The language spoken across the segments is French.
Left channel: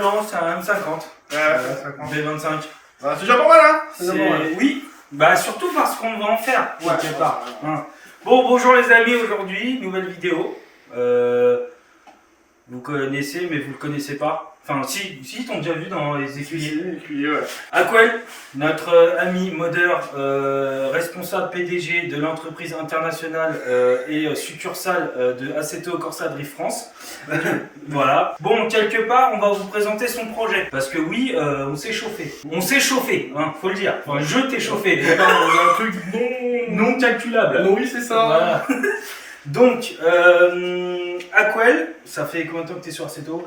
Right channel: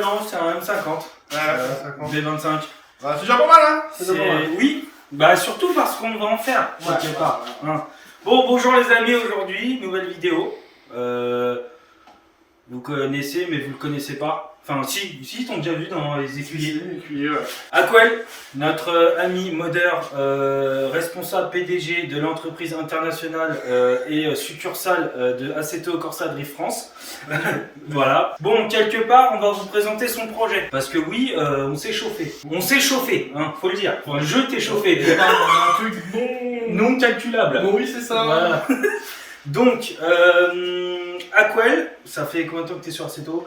Non, c'est un M50. B25. C'est déjà pas mal, hein. C'est déjà pas mal. Oui, bah surtout parce qu'on va en faire, quelque part. Ouais. Hein. Bon, bonjour les amis, aujourd'hui, nouvelle vidéo. Vous connaissez, mais vous le connaissez pas. Enfin, si t'ont déjà vu dans les écuyers. Écuyer, ouais. Aquel, notre ami modeur, responsable PDG de l'entreprise internationale et succursale de Assetto Corsa Drift France. Voilà. Bon, quelque part, on va vous présenter son projet. Parce que oui, on s'est chauffé. On s'est chauffé, hein, faut le dire. Enfin, je t'ai chauffé. On a un truc Non calculable. non, oui, c'est ça. Voilà. Donc, Aquel, ça fait combien de temps que tu es sur Assetto?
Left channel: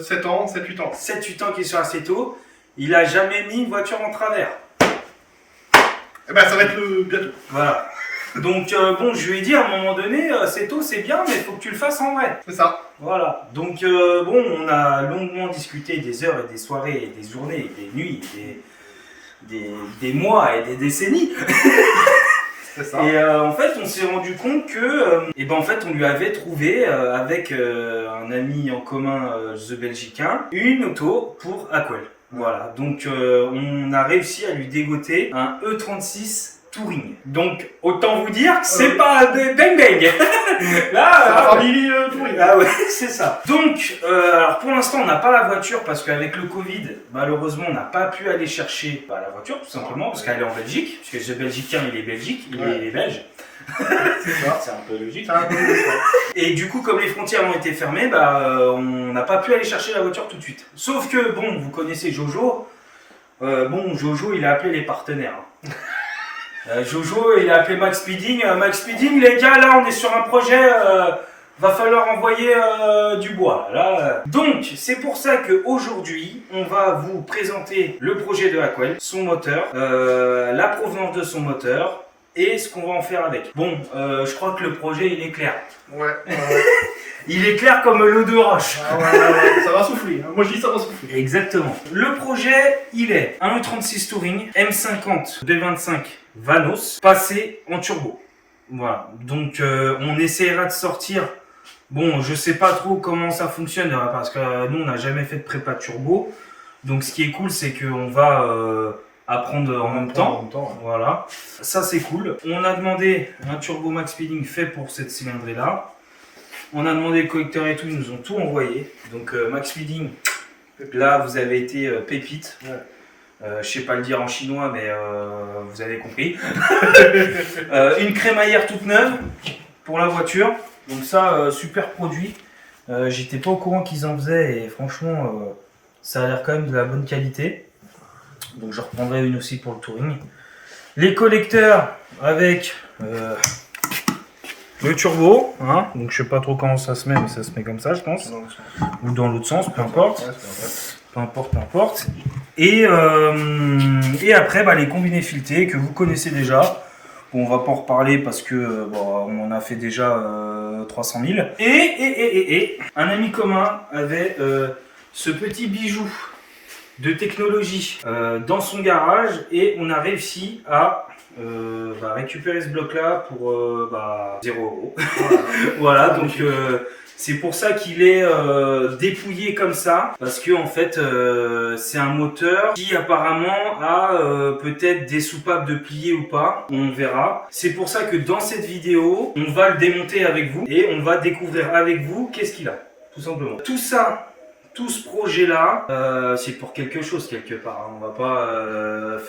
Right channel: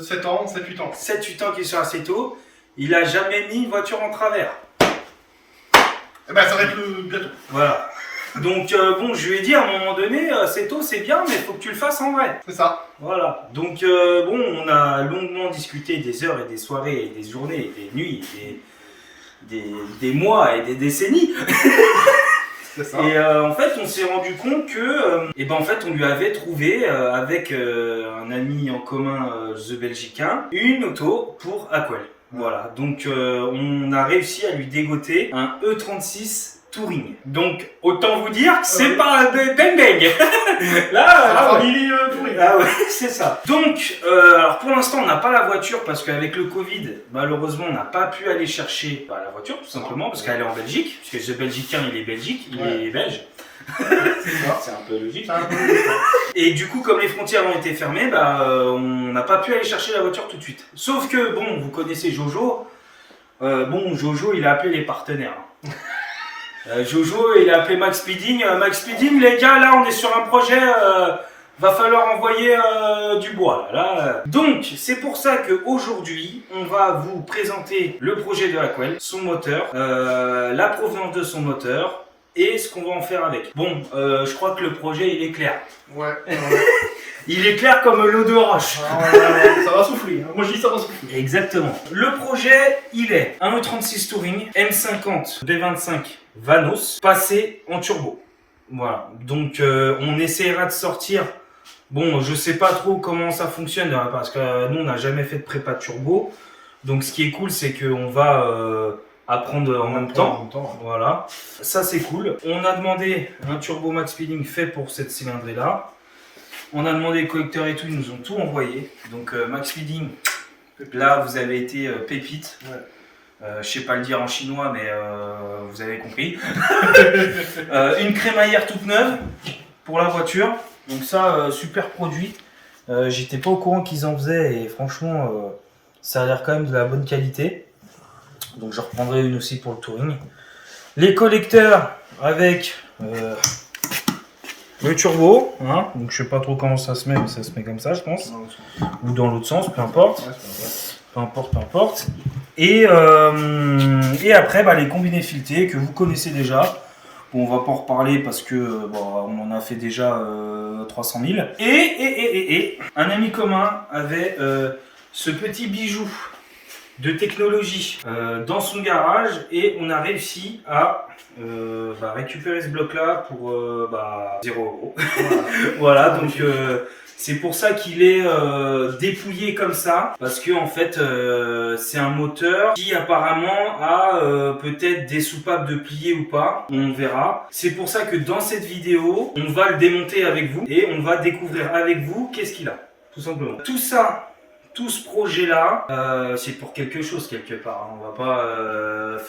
7 ans, 7-8 ans. 7-8 ans qu'il est sur Assetto. Il a jamais mis une voiture en travers. Eh ben, ça va être le bientôt. Voilà. Donc, bon, je lui ai dit à un moment donné, Assetto c'est bien, mais il faut que tu le fasses en vrai. C'est ça. Voilà. Donc, bon, on a longuement discuté des heures et des soirées et des journées et des nuits, et des mois et des décennies. Ça. Et en fait, on s'est rendu compte que, en fait, on lui avait trouvé avec un ami en commun, The Belgicain, une auto pour Aquel. Voilà. Donc, on a réussi à lui dégoter un E36 Touring. Donc, autant vous dire que c'est pas un bang bang. Là, famille Touring. Ah ouais, c'est ça. Donc, alors pour l'instant, on n'a pas la voiture parce qu'avec le Covid, malheureusement, on n'a pas pu aller chercher la voiture, tout simplement, parce qu'elle est en Belgique, puisque ce Belgicain, il est belgique, il est belge. C'est un peu logique. Et du coup, comme les frontières ont été fermées, on n'a pas pu aller chercher la voiture tout de suite. Sauf que, bon, vous connaissez Jojo. Jojo, il a appelé les partenaires. Jojo, il a appelé Max Speeding. Max Speeding, les gars, là, on est sur un projet. Va falloir envoyer du bois. Là. Donc, c'est pour ça qu'aujourd'hui, on va vous présenter le projet de Aquel, son moteur, la provenance de son moteur et ce qu'on va en faire avec. Bon, je crois que le projet, il est clair. Ouais. Il est clair comme l'eau de roche. Ouais. Ça va souffler. Moi, je dis ça va souffler. Exactement. Le projet, il est un E36 Touring M50 B25 Vanos passé en turbo. Voilà. Donc, on essaiera de sortir. Bon, je sais pas trop comment ça fonctionne parce que nous, on n'a jamais fait de prépa turbo. Donc, ce qui est cool, c'est qu'on va apprendre en même temps. Ouais. Voilà. Ça, c'est cool. On a demandé un turbo Max Speeding fait pour cette cylindrée-là. On a demandé le collecteur et tout, ils nous ont tout envoyé. Donc, Max Speeding, là, vous avez été pépite. Ouais. Je sais pas le dire en chinois, mais vous avez compris. Une crémaillère toute neuve pour la voiture. Donc ça, super produit. J'étais pas au courant qu'ils en faisaient et franchement, ça a l'air quand même de la bonne qualité. Donc je reprendrai une aussi pour le touring. Les collecteurs avec le turbo. Hein. Donc je sais pas trop comment ça se met, mais ça se met comme ça, je pense. Ou dans l'autre sens, peu importe. Peu importe. Et après, les combinés filetés que vous connaissez déjà. Bon, on va pas en reparler parce que on en a fait déjà 300 000. Et un ami commun avait ce petit bijou de technologie dans son garage et on a réussi à récupérer ce bloc-là pour 0 €. Voilà, donc c'est pour ça qu'il est dépouillé comme ça, parce que en fait c'est un moteur qui apparemment a peut-être des soupapes de plier ou pas, on verra. C'est pour ça que dans cette vidéo, on va le démonter avec vous et on va découvrir avec vous qu'est-ce qu'il a, tout simplement. Tout ça, tout ce projet-là, c'est pour quelque chose quelque part. On va pas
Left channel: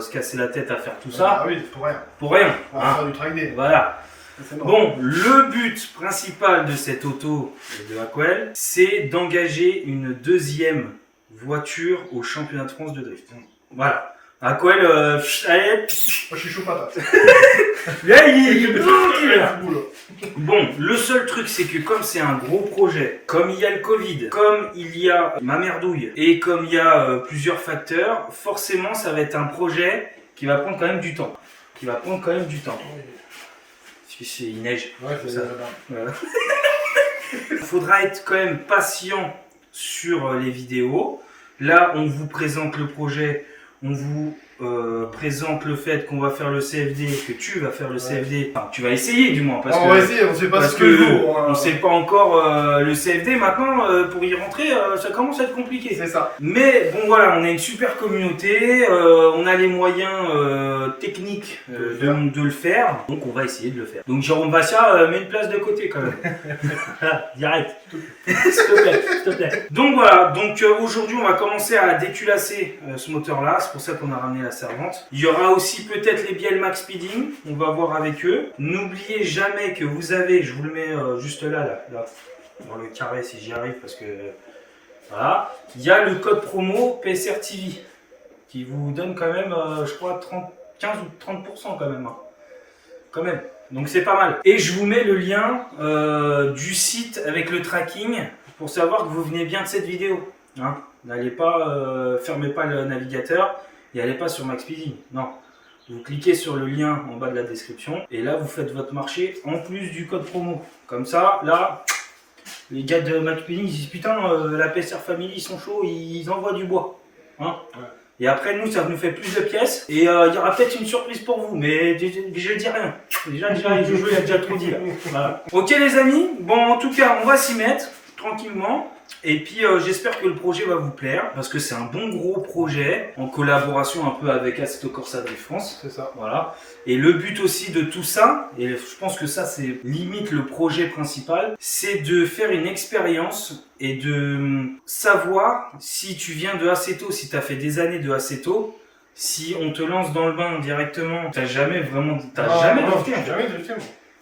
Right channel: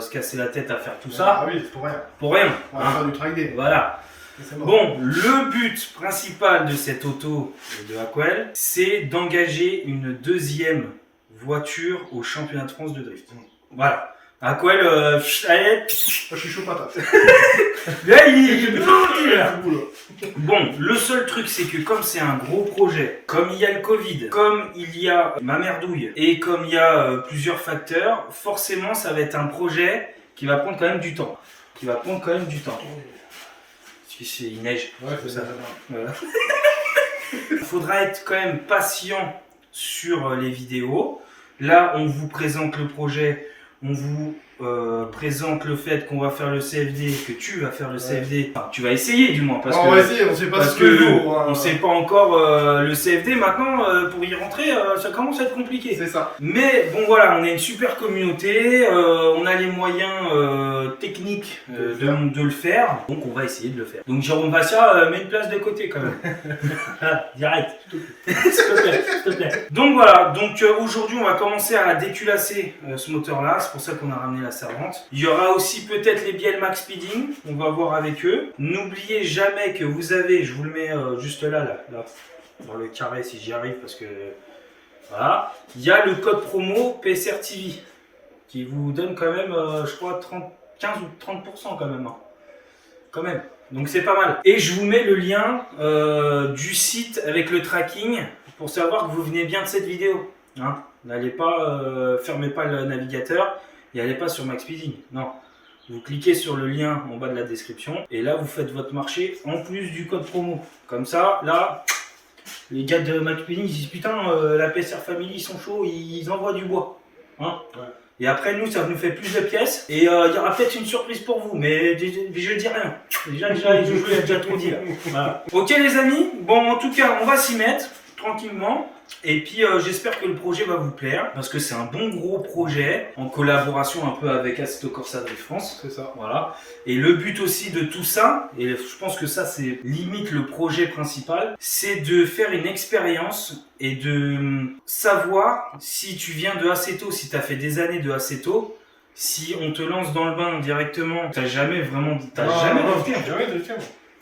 se casser la tête à faire tout ça. Ah oui, pour rien. Pour rien. On va faire du track day. Voilà. Bon, le but principal de cette auto de Aquel, c'est d'engager une deuxième voiture au championnat de France de drift. Voilà. Aquel, allez. Moi, je suis chaud patate. Là, Bon, le seul truc, c'est que comme c'est un gros projet, comme il y a le Covid, comme il y a ma merdouille et comme il y a plusieurs facteurs, forcément, ça va être un projet qui va prendre quand même du temps. Parce qu'il neige. Ouais, c'est ça. Il faudra être quand même patient sur les vidéos. Là, on vous présente le projet, on vous présente le fait qu'on va faire le CFD, que tu vas faire le CFD, enfin, tu vas essayer du moins, parce on que, va essayer, on sait pas parce ce que jour, hein. on sait pas encore le CFD maintenant, pour y rentrer, ça commence à être compliqué. C'est ça. Mais bon voilà, on a une super communauté, on a les moyens techniques de le faire, donc on va essayer de le faire. Donc Jérôme Bassia, met une place de côté quand même. Voilà, direct. S'il te plaît. Donc voilà, donc aujourd'hui on va commencer à déculasser ce moteur-là, c'est pour ça qu'on a ramené la servante. Il y aura aussi peut-être les bielles Max Speeding, on va voir avec eux. N'oubliez jamais que vous avez, je vous le mets juste là, dans le carré si j'y arrive parce que voilà, il y a le code promo PSR TV qui vous donne quand même, je crois, 15 ou 30% quand même. Hein. Quand même. Donc c'est pas mal. Et je vous mets le lien du site avec le tracking pour savoir que vous venez bien de cette vidéo. Hein, n'allez pas, fermez pas le navigateur et allez pas sur Max Speeding. Non. Vous cliquez sur le lien en bas de la description et là vous faites votre marché en plus du code promo. Comme ça, là, les gars de Max Speeding disent putain, la PSR Family ils sont chauds, ils envoient du bois. Hein ouais. Et après nous ça nous fait plus de pièces et il y aura peut-être une surprise pour vous, mais je dis rien. Déjà Jojo il a déjà trop dit là. Voilà. Ok les amis, bon en tout cas on va s'y mettre tranquillement. Et puis j'espère que le projet va vous plaire parce que c'est un bon gros projet en collaboration un peu avec Assetto Corsa Drift France. C'est ça. Voilà. Et le but aussi de tout ça, et je pense que ça c'est limite le projet principal, c'est de faire une expérience et de savoir si tu viens de Assetto, si tu as fait des années de Assetto, si on te lance dans le bain directement, t'as jamais vraiment, jamais drifté. Jamais drifté.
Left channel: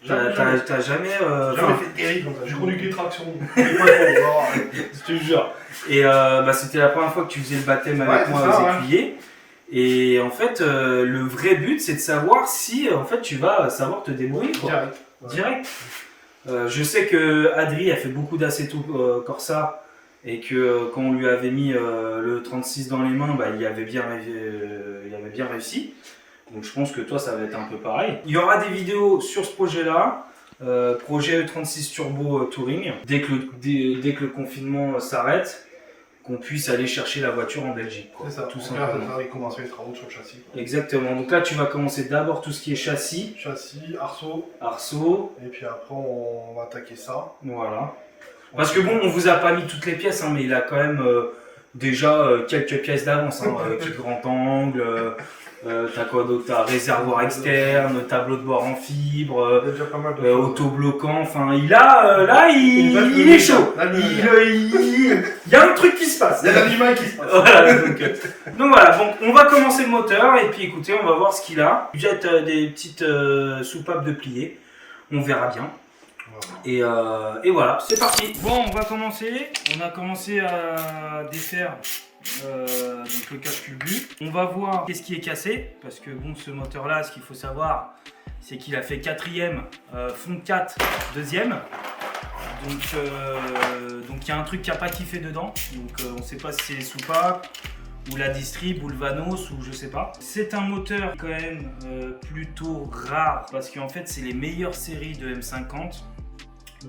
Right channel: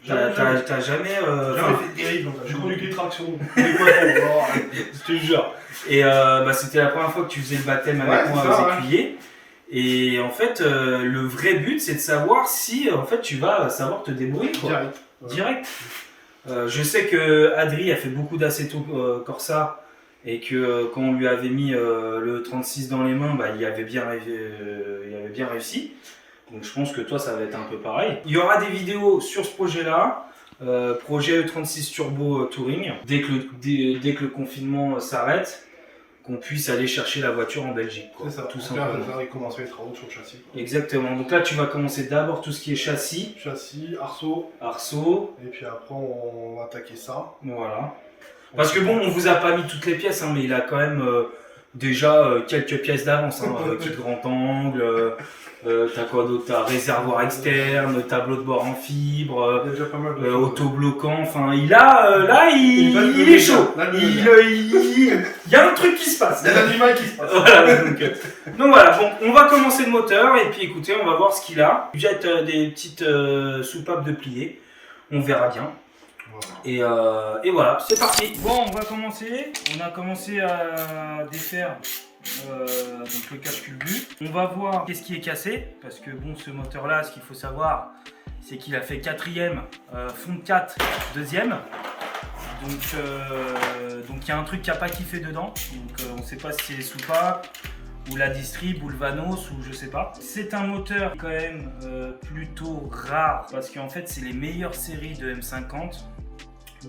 T'as jamais fait de dérive comme ça. J'ai conduit des tractions. Je te jure. Et c'était la première fois que tu faisais le baptême avec moi aux écuyers. Et en fait, le vrai but, c'est de savoir si en fait tu vas savoir te débrouiller. Quoi. Direct. Ouais. Direct. Je sais que Adri a fait beaucoup d'Assetto Corsa et que quand on lui avait mis le 36 dans les mains, il avait bien réussi. Donc je pense que toi ça va être un peu pareil. Il y aura des vidéos sur ce projet-là, projet E36 Turbo Touring. Dès que le confinement s'arrête, qu'on puisse aller chercher la voiture en Belgique. C'est ça, tout simplement. Là, il commence les travaux sur le châssis. Quoi. Exactement, donc là tu vas commencer d'abord tout ce qui est châssis. Châssis, arceau. Et puis après on va attaquer ça. Voilà. Parce que bon, on vous a pas mis toutes les pièces, hein, mais il a quand même déjà quelques pièces d'avance. Hein, kit grand angle. T'as quoi d'autre? T'as réservoir externe, tableau de bord en fibre, autobloquant, enfin il est chaud. Il y a un truc qui se passe. Il y a l'animal qui se passe. Voilà, donc voilà, donc on va commencer le moteur et puis écoutez, on va voir ce qu'il a. Il jette des petites soupapes de plié, on verra bien. Et voilà, c'est parti. Bon, on va commencer. On a commencé à défaire donc le calcul but. On va voir qu'est-ce qui est cassé parce que bon, ce moteur là, ce qu'il faut savoir, c'est qu'il a fait 4ème, fond de 4, 2ème. Donc il y a un truc qui n'a pas kiffé dedans. Donc on ne sait pas si c'est les soupapes ou la distrib ou le Vanos ou je sais pas. C'est un moteur quand même plutôt rare parce qu'en fait c'est les meilleures séries de M50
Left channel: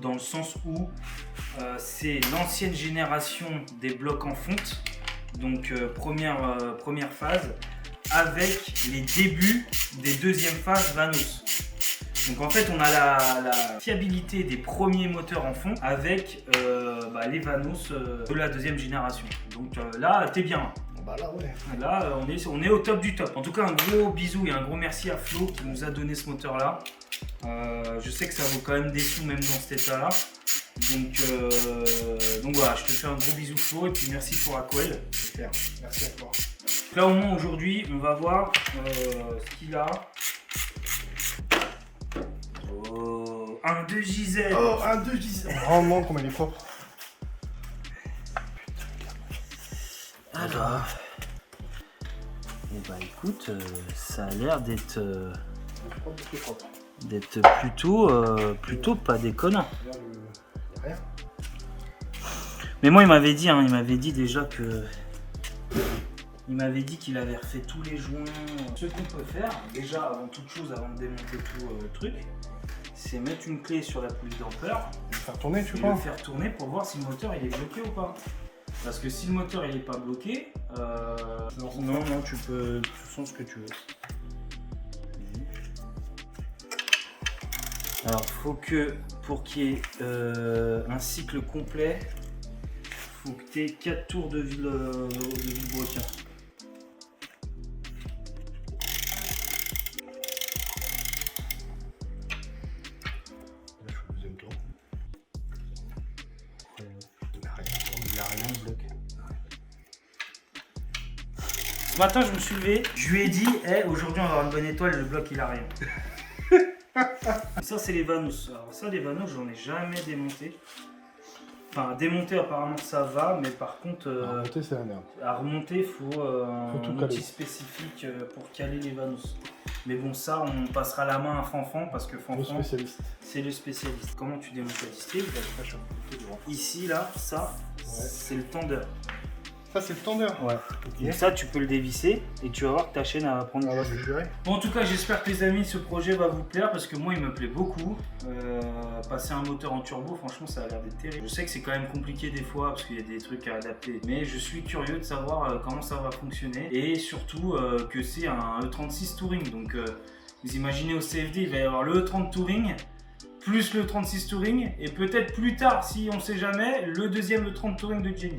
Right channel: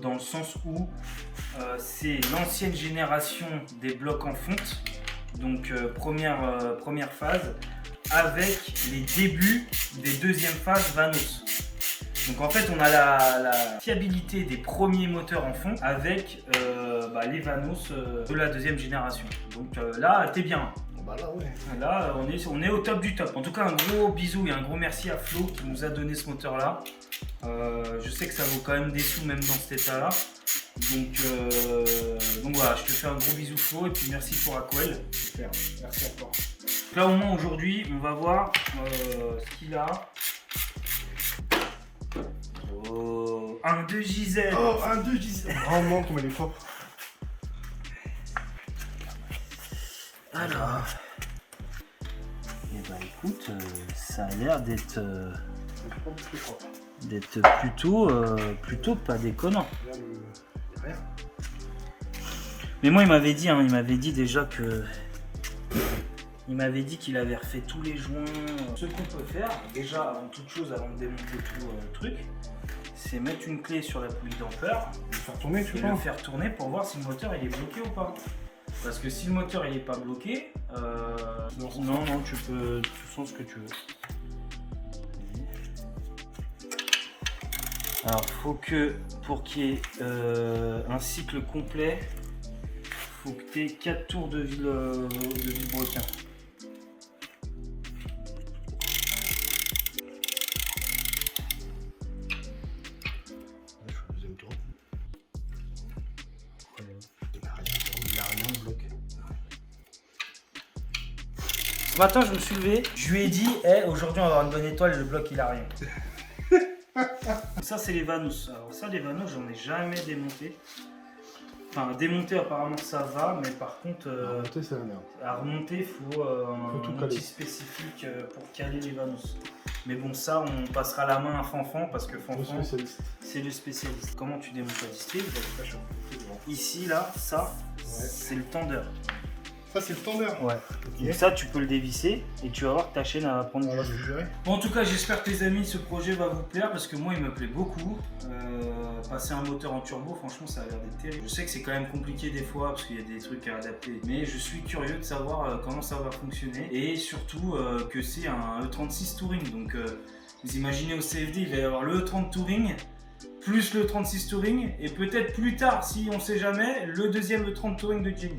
dans le sens où c'est l'ancienne génération des blocs en fonte. Donc première phase avec les débuts des deuxièmes phases Vanos. Donc en fait on a la fiabilité des premiers moteurs en fond avec les Vanos de la deuxième génération. Donc là t'es bien. Là ouais. Là on est au top du top. En tout cas un gros bisou et un gros merci à Flo qui nous a donné ce moteur là. Je sais que ça vaut quand même des sous même dans cet état là. Donc voilà, je te fais un gros bisou Flo et puis merci pour Aquel. Super, merci à toi. Là au moins aujourd'hui on va voir ce qu'il a. Oh, un 2 JZ. Oh, un 2 JZ. Vraiment comme il est fort. Alors, écoute, ça a l'air d'être plutôt pas déconnant. Mais moi il m'avait dit déjà que il m'avait dit qu'il avait refait tous les joints. Ce qu'on peut faire déjà avant toute chose, avant de démonter tout le truc, c'est mettre une clé sur la poulie dampeur, le faire tourner, le faire tourner pour voir si le moteur il est bloqué ou pas. Parce que si le moteur il est pas bloqué, non, tu sens ce que tu veux. Alors, faut que pour qu'il y ait un cycle complet, faut que tu aies 4 tours de vilebrequin. Là, je fais le deuxième tour. Il a rien, le bloc. Ce matin, je me suis levé, je lui ai dit, hey, aujourd'hui on va avoir une bonne étoile, le bloc il a rien. Ça, c'est les Vanos. Alors, ça, les Vanos, j'en ai jamais démonté. Enfin, démonter, apparemment, ça va, mais par contre, C'est la merde. à remonter, il faut un tout outil caler. spécifique pour caler les Vanos. Mais bon, ça, on passera la main à Fanfan parce que Le Fanfan, spécialiste. c'est le spécialiste. Comment tu démontes ta distille? Ici, là, ça, c'est le tendeur. Ça, c'est le tendeur. Ouais. Donc ça, tu peux le dévisser et tu vas voir que ta chaîne elle va prendre Alors, du je jus. dirais. Bon, en tout cas, j'espère que les amis, ce projet va vous plaire parce que moi, il me plaît beaucoup. Passer un moteur en turbo, franchement, ça a l'air d'être terrible. Je sais que c'est quand même compliqué des fois parce qu'il y a des trucs à adapter, mais je suis curieux de savoir comment ça va fonctionner et surtout que c'est un E36 Touring. Donc, vous imaginez au CFD, il va y avoir le E30 Touring plus le 36 Touring et peut-être plus tard, si on sait jamais, le deuxième E30 Touring de Jenny.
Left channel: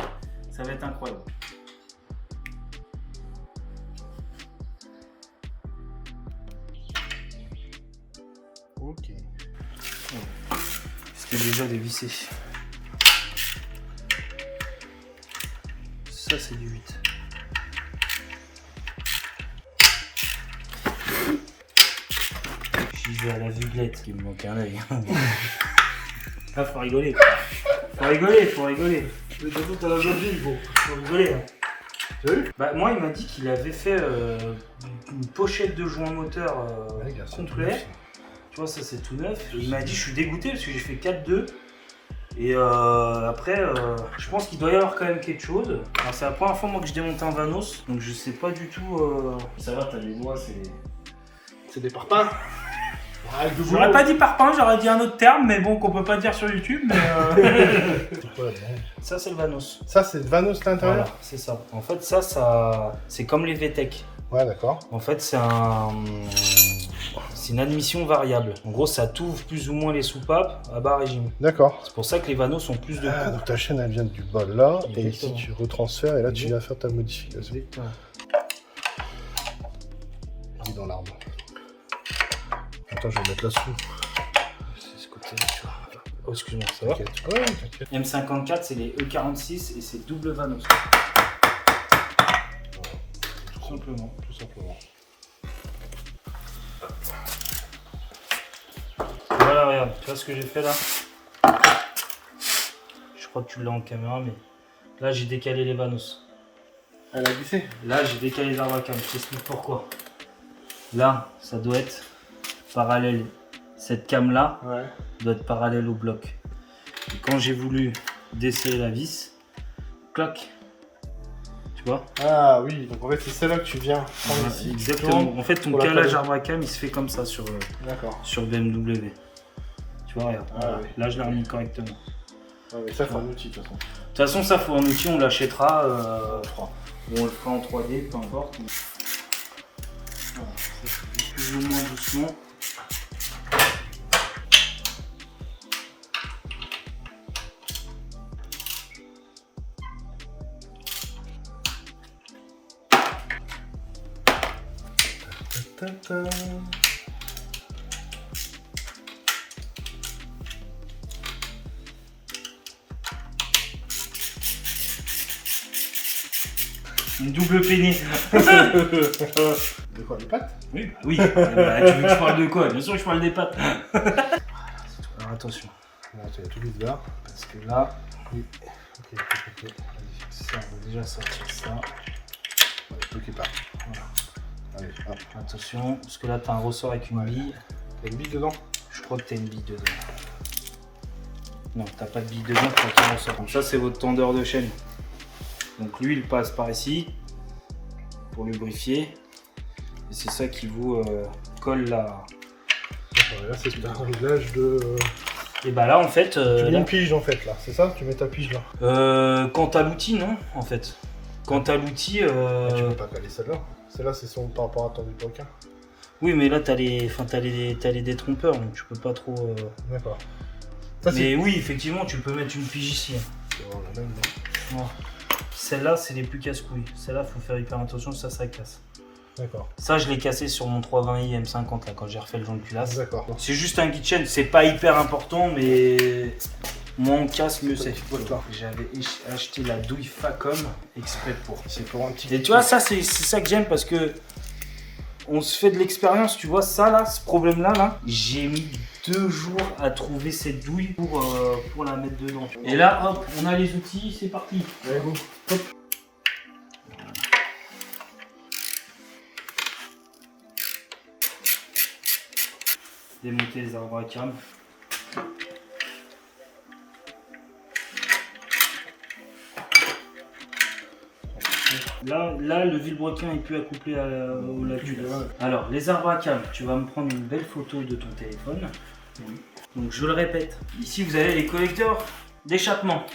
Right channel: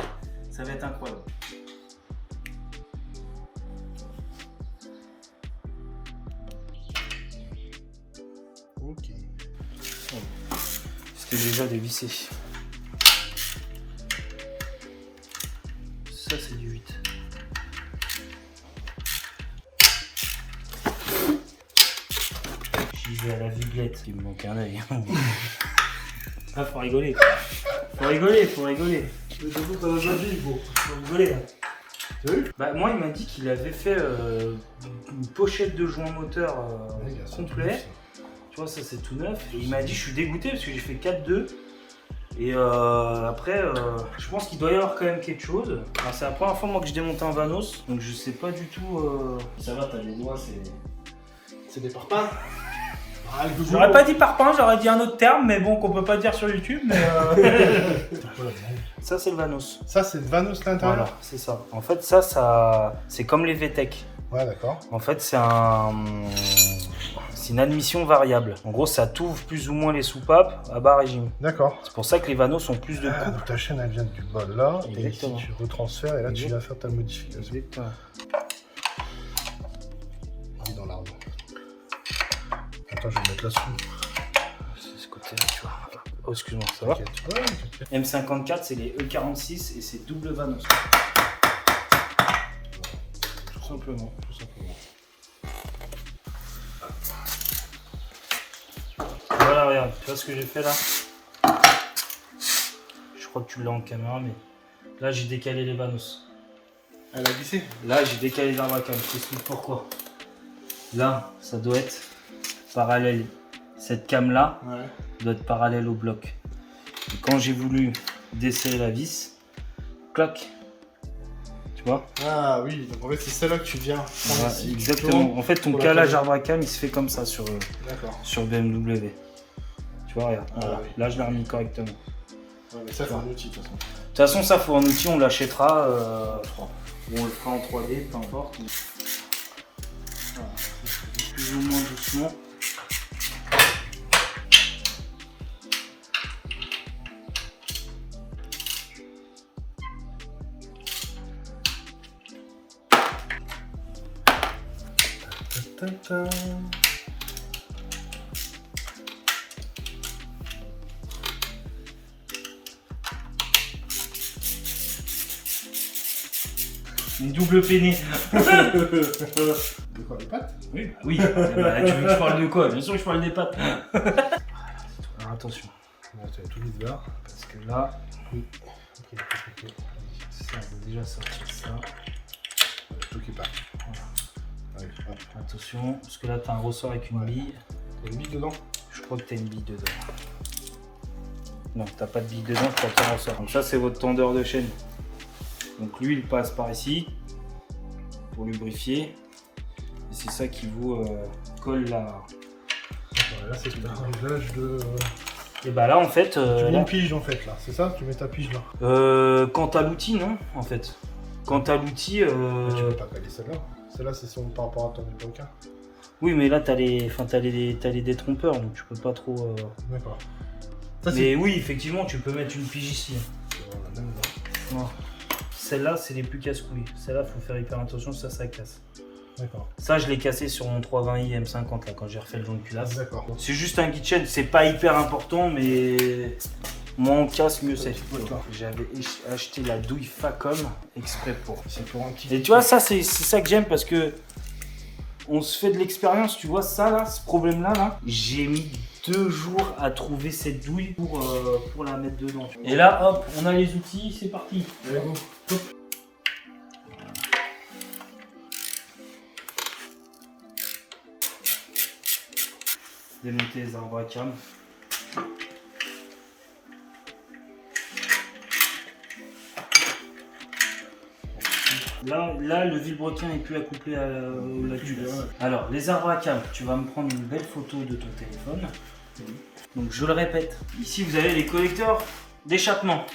Ça va être incroyable. Ok. C'était déjà dévissé. Ça, c'est du 8. J'y vais à la viglette. Il me manque un œil. Ah, faut rigoler. Faut rigoler. Mais de toute, t'as la joie de vivre, gros. Faut rigoler. T'as vu? Bah, moi, il m'a dit qu'il avait fait une pochette de joint moteur complet. Tu vois, ça c'est tout neuf. Et il m'a dit, je suis dégoûté parce que j'ai fait 4-2. Et après, je pense qu'il doit y avoir quand même quelque chose. Alors, c'est la première fois moi que je démonte un Vanos, donc je sais pas du tout. Ça va, t'as des doigts, C'est des parpaings. Avec de J'aurais pas dit parpaing, j'aurais dit un autre terme, mais bon, qu'on peut pas dire sur YouTube. Mais ça, c'est le Vanos. Ça, c'est le Vanos à l'intérieur. Voilà, c'est ça. En fait, ça c'est comme les VTEC. Ouais, d'accord. En fait, c'est une admission variable. En gros, ça t'ouvre plus ou moins les soupapes à bas régime. D'accord. C'est pour ça que les Vanos ont plus de Ah, coupe. donc ta chaîne, elle vient du bol là. Exactement. Et ici, tu retransfères et là, tu viens faire ta modification. Exactement. Dans l'arbre. Attends, je vais mettre là-dessous. C'est ce côté-là, tu vois. Oh, excuse-moi, ça va? T'inquiète. Ouais, t'inquiète. M54, c'est les E46 et c'est double Vanos. Tout simplement. Tout simplement. Voilà, regarde, tu vois ce que j'ai fait là? Je crois que tu l'as en caméra, mais là j'ai décalé les Vanos. Elle a glissé. Là j'ai décalé les arbacams, je t'explique pourquoi. Là, ça doit être parallèle. Cette cam là Ouais. doit être parallèle au bloc. Et quand j'ai voulu desserrer la vis, clac. Tu vois? Ah oui, donc en fait, c'est celle-là que tu viens prendre Voilà, ici. exactement. En fait, ton Pour la calage caler. arbacam il se fait comme ça sur D'accord. le BMW. Tu vois, regarde. Ah, Voilà. oui. Là je l'ai remis correctement. Ouais, mais ça, c'est un outil, de toute façon. De toute façon, ça faut un outil, on l'achètera. Ou on le fera en 3D, peu importe. Mais... Voilà, ça se fait plus ou moins doucement. Ta-ta-ta. Une double peinée. De quoi, les pattes? Oui, bah oui. Bah, tu veux que je parle de quoi? Bien sûr que je parle des pattes. Alors attention, Non, tu vas tout vite voir. parce que là, Oui. Ok. ça va déjà sortir ça. Tout qui part. Voilà. Allez, hop. Attention, parce que là, tu as un ressort avec une bille. T'as une bille dedans? Je crois que tu as une bille dedans. Non, t'as pas de bille dedans, tu as qu'un ressort. Donc ça, c'est votre tendeur de chaîne. Donc lui, il passe par ici pour lubrifier. Et c'est ça qui vous colle la... Regarde, c'est un réglage de Et bah là en fait... Tu mets là, une pige en fait là, c'est ça? Tu mets ta pige là. quand t'as l'outil, non, en fait. Quand t'as l'outil... Tu peux pas caler celle-là. Celle-là c'est son par rapport à ton requin. Oui, mais là t'as les détrompeurs, donc tu peux pas trop... D'accord. Mais oui, effectivement, tu peux mettre une pige ici. C'est la même, non? Non. Celle-là, c'est les plus casse-couilles. Celle-là, faut faire hyper attention, ça casse. D'accord. Ça, je l'ai cassé sur mon 320i M50 là, quand j'ai refait le joint de culasse. D'accord. C'est juste un guide chaîne, c'est pas hyper important, mais moins on casse, mieux c'est. J'avais acheté la douille Facom exprès pour. C'est pour un petit. Et tu vois, ça, c'est ça que j'aime parce que on se fait de l'expérience, tu vois, ça là, ce problème-là, là, j'ai mis 2 jours à trouver cette douille pour la mettre dedans. Et là, hop, on a les outils, c'est parti. Allez, go. Hop. Démonter les arbres à cam. Là, le vilebrequin est plus accouplé au la culasse. Alors, les arbres à cam, tu vas me prendre une belle photo de ton téléphone. Donc, je le répète, ici vous avez les collecteurs d'échappement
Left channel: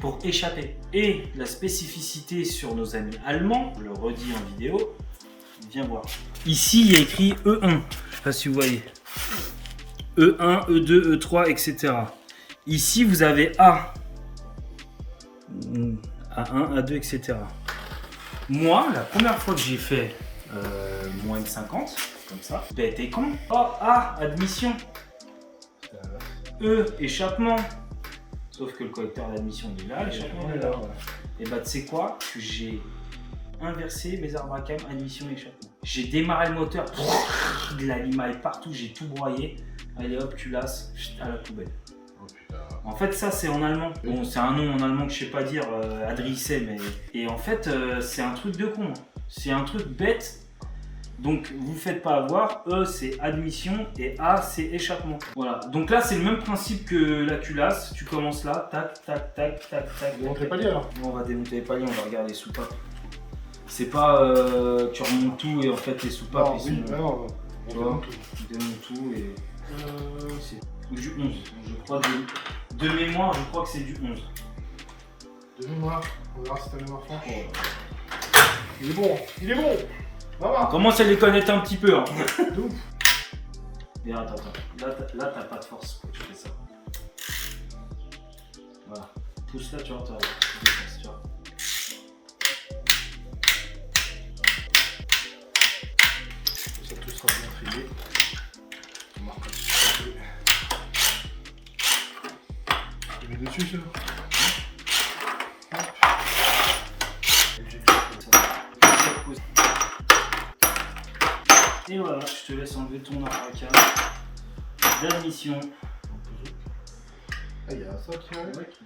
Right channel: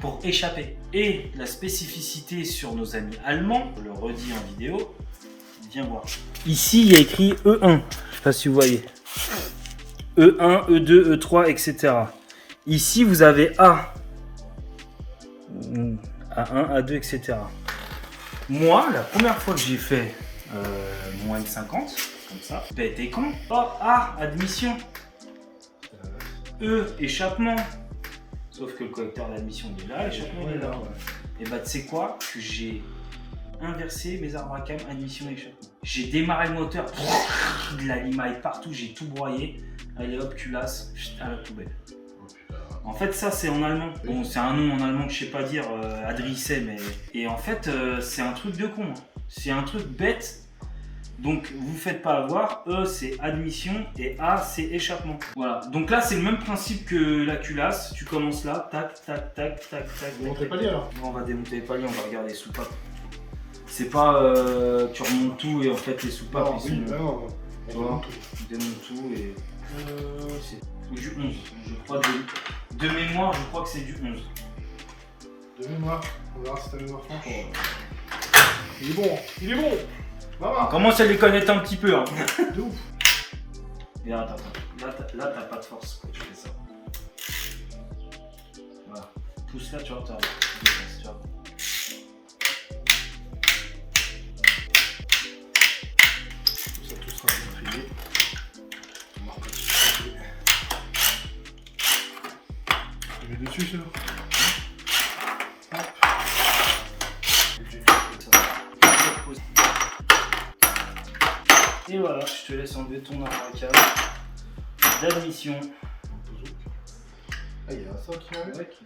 pour échapper. Et la spécificité sur nos amis allemands, je le redis en vidéo, viens voir. Ici, il y a écrit E1, je sais pas si vous voyez. E1, E2, E3, etc. Ici, vous avez A. A1, A2, etc. Moi, la première fois que j'ai fait mon M50, comme ça, bête et con. Oh, A, admission. E, échappement. Sauf que le collecteur d'admission il est là, l'échappement il est là. Et bah, tu sais quoi? Que j'ai inversé mes arbres à cam, admission et échappement. J'ai démarré le moteur, de la limaille partout, j'ai tout broyé. Allez hop, culasse, à la poubelle. En fait, ça c'est en allemand. Bon, c'est un nom en allemand que je sais pas dire, Adrisse, mais. Et en fait, c'est un truc de con. C'est un truc bête. Donc, vous faites pas avoir. E, c'est admission et A, c'est échappement. Voilà. Donc là, c'est le même principe que la culasse. Tu commences là, tac, tac, tac, tac, tac. Démonter les paliers alors. On va démonter les paliers, on va regarder les soupapes. C'est pas tu remontes tout et en fait les soupapes ils sont. Non, Tu vois, tu démontes tout et. C'est du 11. Je crois de mémoire, je crois que c'est du 11. de mémoire. On verra si ta mémoire franche. Il est bon, il est bon. Va voir. On commence à les connaître un petit peu. Hein. De ouf. Et attends. Là, t'as pas de force quand tu fais ça. Voilà. Pousse là, tu vois, tu vois. Ça tout sera bien privé. On marque un petit peu. Je mets dessus ça. Et voilà, je te laisse enlever ton arracage d'admission. Ah, il y a ça qui va avec.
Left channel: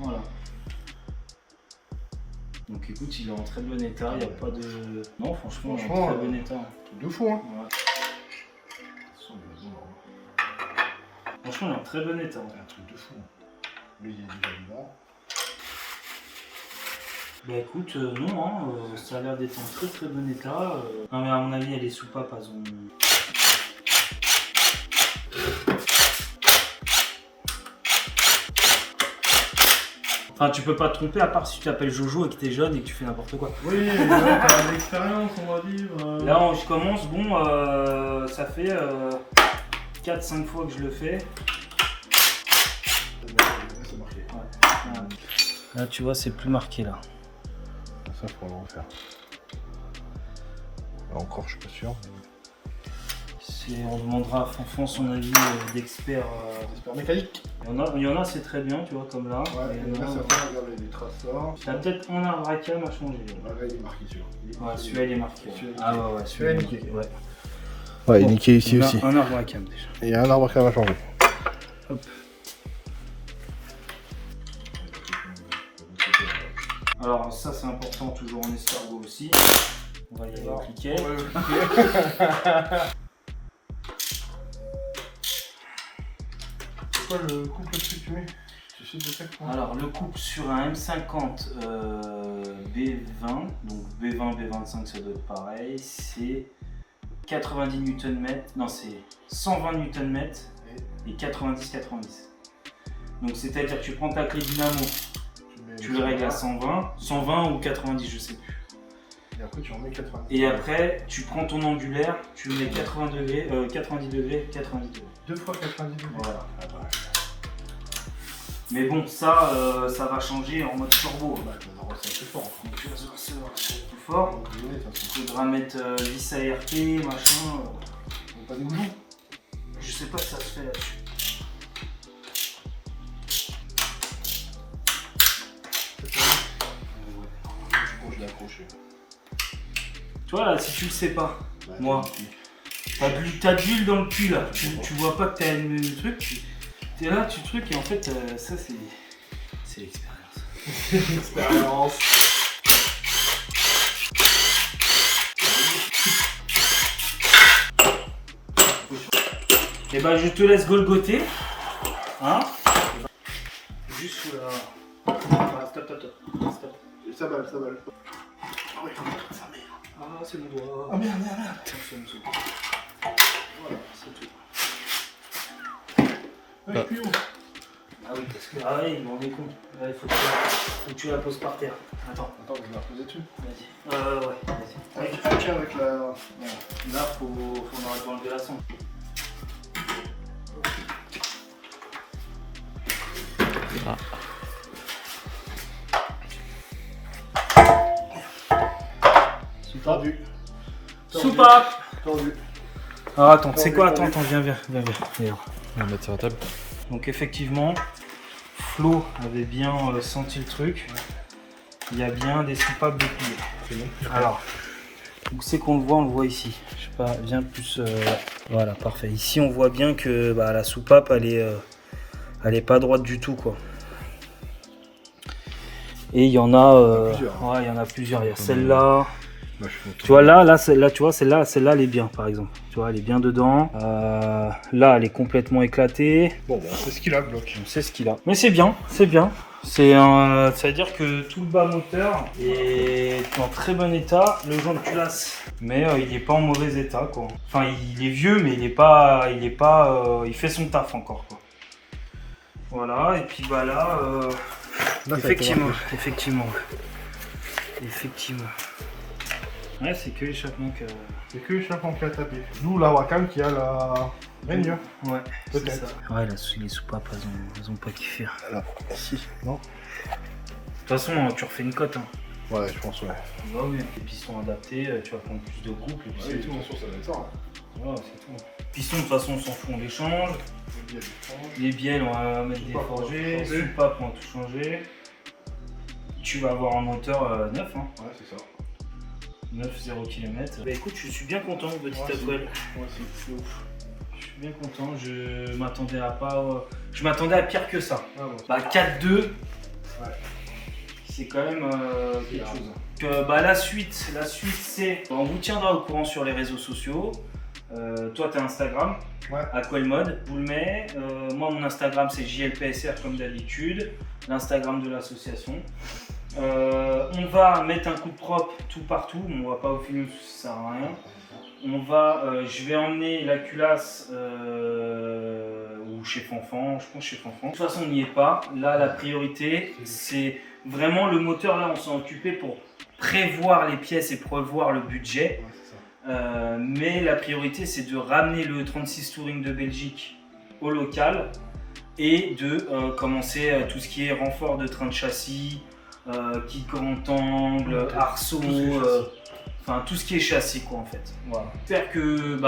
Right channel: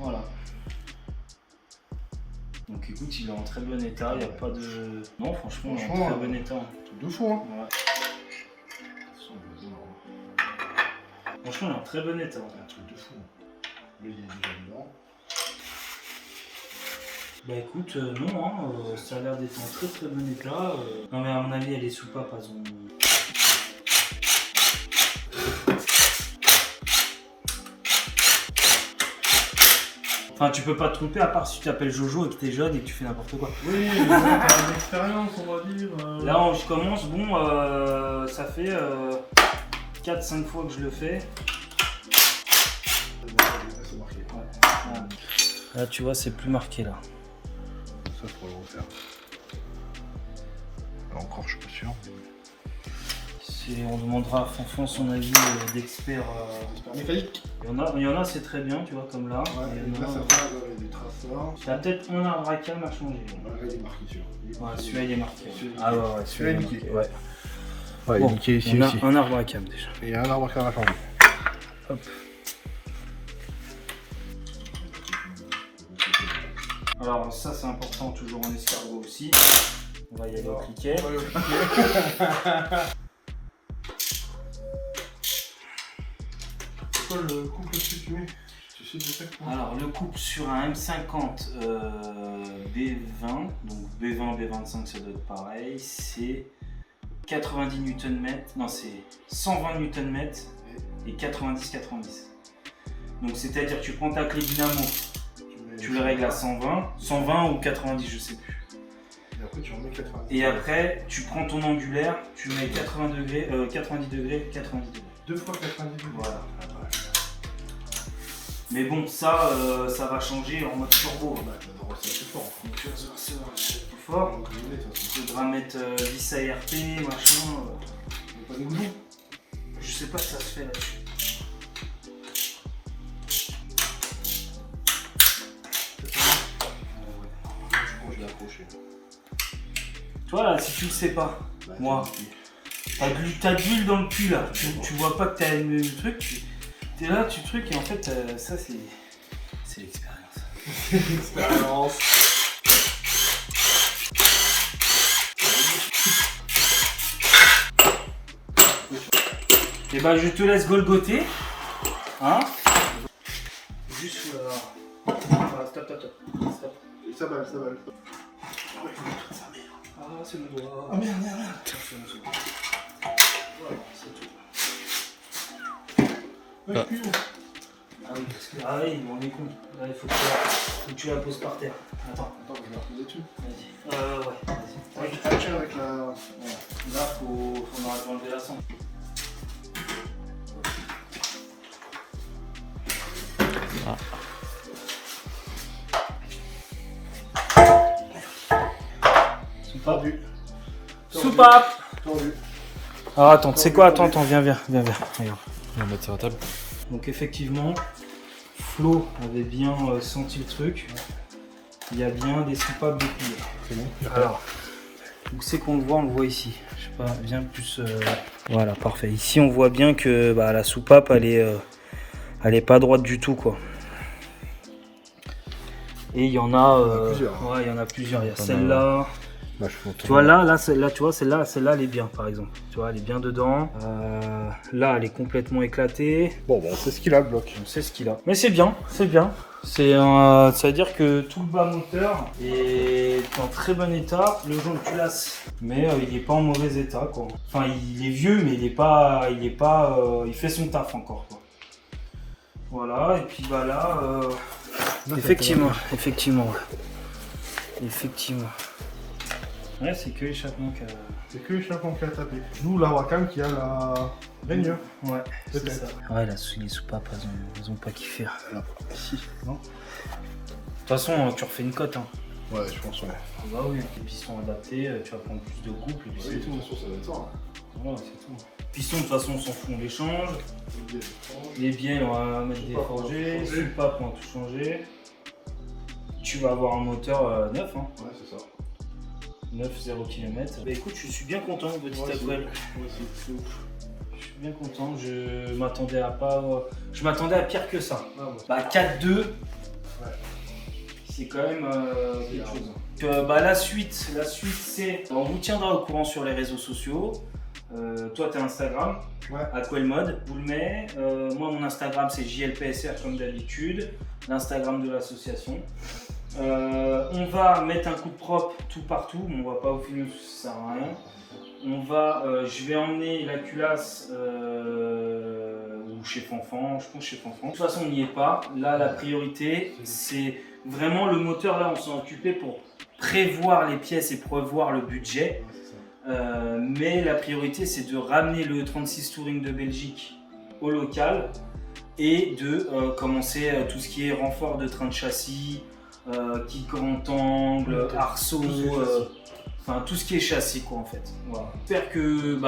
Voilà. Donc écoute, il est en très bon état, il n'y a pas de... Non, franchement, il est en très bon état. Truc de fou, hein. Ouais. Franchement, il est en très bon état. Un truc de fou. Mais il y a déjà dedans. Bah écoute, non, hein, ça a l'air d'être en très très bon état. Non mais à mon avis, les soupapes, elles ont... Enfin, tu peux pas te tromper à part si tu t'appelles Jojo et que t'es jeune et que tu fais n'importe quoi. Oui, mais t'as une expérience, on va dire. Là, je commence, bon, ça fait 4-5 fois que je le fais. C'est marqué. Ouais. Là, tu vois, c'est plus marqué là. Ça, faut le refaire. Encore, je suis pas sûr. On demandera à Fanfan son avis d'expert. Expert mécanique. Il y en a, c'est très bien, tu vois, comme là. Ouais, et là, ça va avec des traces là. T'as peut-être un arbre à cam à changer. Là, il est marqué celui-là. Ouais, celui-là il est marqué. Ah ouais, celui-là est niqué. Ouais. Ouais, il est niqué ici on a aussi. un arbre à cam déjà. Il y a un arbre à changer. Hop. Alors ça c'est important, toujours en escargot aussi. On va y aller au cliquet. C'est quoi le couple que tu mets? Tu sais de quel point? Alors le couple sur un M50 B20, donc B20, B25 ça doit être pareil, c'est 90 Nm, non c'est 120 Nm et 90-90. Donc c'est-à-dire que tu prends ta clé dynamo, tu le règles à 120 ou 90, je sais plus. Et après tu remets 90. Et après tu prends ton angulaire, tu mets 90 degrés. 2 fois 90 degrés. Voilà. Mais bon, ça va changer en mode turbo. Bah, c'est plus fort. Donc tu vas voir ça plus fort. Il faudra mettre vis ART, machin. Pas des boulons. Je sais pas si ça se fait là-dessus. Je l'ai accroché. Tu vois là, si tu le sais pas, Bah, moi, t'as de l'huile dans le cul là. Tu vois pas que t'as un truc. T'es là, tu trucs et en fait, ça c'est l'expérience. L'expérience. Et bah je te laisse golgoter. Hein? Juste sous la. Ouais, stop. Ça balle. Ah ouais, toute sa mère. Ah, c'est mon doigt. Ah merde. Voilà, c'est tout. Ouais, plus haut. Ah oui, parce que. Ah oui, on est con. Il faut que tu la poses par terre. Attends, Attends, je vais la reposer dessus. vas-y. Ouais, vas-y. Ah, tiens, avec la. Voilà. Là, on aurait dû enlever la sonde. Ah. Tordu. Soupape. Tordu. Alors attends, tu sais quoi? Attends, viens. Regarde. On va mettre sur la table. Donc effectivement, Flo avait bien senti le truc. Il y a bien des soupapes de cuillère. C'est bon. Alors, où c'est qu'on le voit? On le voit ici. Je sais pas, bien plus. Voilà, parfait. Ici, on voit bien que la soupape, elle est pas droite du tout, quoi. Et il y en a plusieurs. Ouais, il y en a plusieurs. Il y a Pas mal, celle-là. Moi, je fais Tu vois là, celle-là, tu vois, celle-là, elle est bien, par exemple. Tu vois, elle est bien dedans. Là, elle est complètement éclatée. Bon, bah, c'est ce qu'il a, bloc. On sait ce qu'il a. Mais c'est bien. C'est-à-dire que tout le bas moteur est en très bon état. Le joint de culasse, mais il n'est pas en mauvais état, quoi. Enfin, il est vieux, mais il fait son taf encore, quoi. Voilà. Et puis là, effectivement. Ouais, c'est que l'échappement que. C'est que l'échappement qui a tapé. Nous, la Wacom qui a la gagne. Ouais, c'est Peut-être. ça. Ouais, les soupapes, elles ont pas kiffé. Alors, si, non? De toute façon, tu refais une cote. Hein. Ouais, je pense, ouais. Bah oui, les pistons adaptés, tu vas prendre plus de groupes. Et puis c'est tout. ça va être ça. Voilà, c'est tout. Pistons, de toute façon, on s'en fout, on les change. Les bielles, on va mettre des forgés. Soupapes, on va tout changer. Tu vas avoir un moteur neuf. Hein. Ouais, c'est ça. 9-0 km. Bah écoute, je suis bien content, petit Aquel. Ouais, c'est ouf. Je suis bien content. Je m'attendais à pas. Je m'attendais à pire que ça. Ouais. Bah 4-2. Ouais. C'est quand même quelque chose. Donc, la suite c'est. On vous tiendra au courant sur les réseaux sociaux. Toi, tu as Instagram, Ouais. Aquelmode, vous le mets. Moi, mon Instagram, c'est JLPSR comme d'habitude. L'Instagram de l'association. On va mettre un coup de propre tout partout. On va pas au film, ça sert à rien. Je vais emmener la culasse ou chez Fanfan. Je pense chez Fanfan. De toute façon, on n'y est pas. Là, la priorité, c'est vraiment le moteur. Là, on s'en occupé pour prévoir les pièces et prévoir le budget. Ouais, c'est ça. Mais la priorité, c'est de ramener le 36 Touring de Belgique au local et de commencer tout ce qui est renfort de train de châssis, qui grand angle, arceau, enfin tout ce qui est châssis, quoi, en fait. Voilà. J'espère que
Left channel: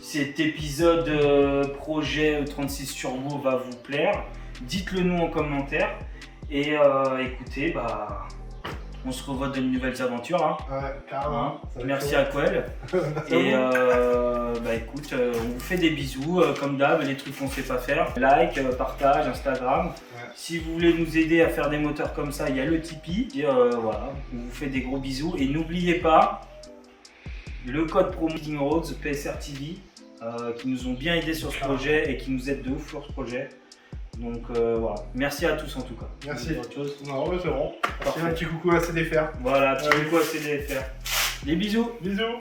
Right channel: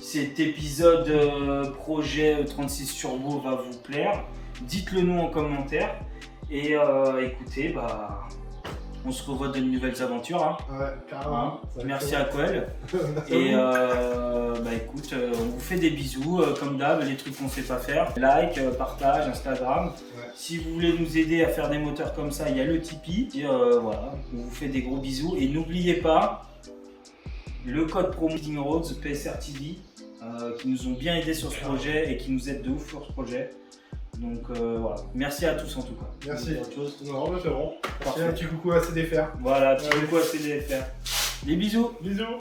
cet épisode projet 36 Turbo va vous plaire. Dites-le nous en commentaire et écoutez, on se revoit dans de nouvelles aventures. Hein. Ouais, carrément. Merci à Aquel. Et écoute, on vous fait des bisous, comme d'hab, les trucs qu'on sait pas faire. Like, partage, Instagram. Ouais. Si vous voulez nous aider à faire des moteurs comme ça, il y a le Tipeee. Et voilà, on vous fait des gros bisous. Et n'oubliez pas le code promo Leading Roads, PSR TV, qui nous ont bien aidés sur ce projet et qui nous aident de ouf sur ce projet. Donc voilà, merci à tous en tout cas. Merci. Autre chose. Non, mais c'est bon. Parfait. Un petit coucou à CDFR. Voilà, petit coucou à CDFR. Des bisous. Bisous.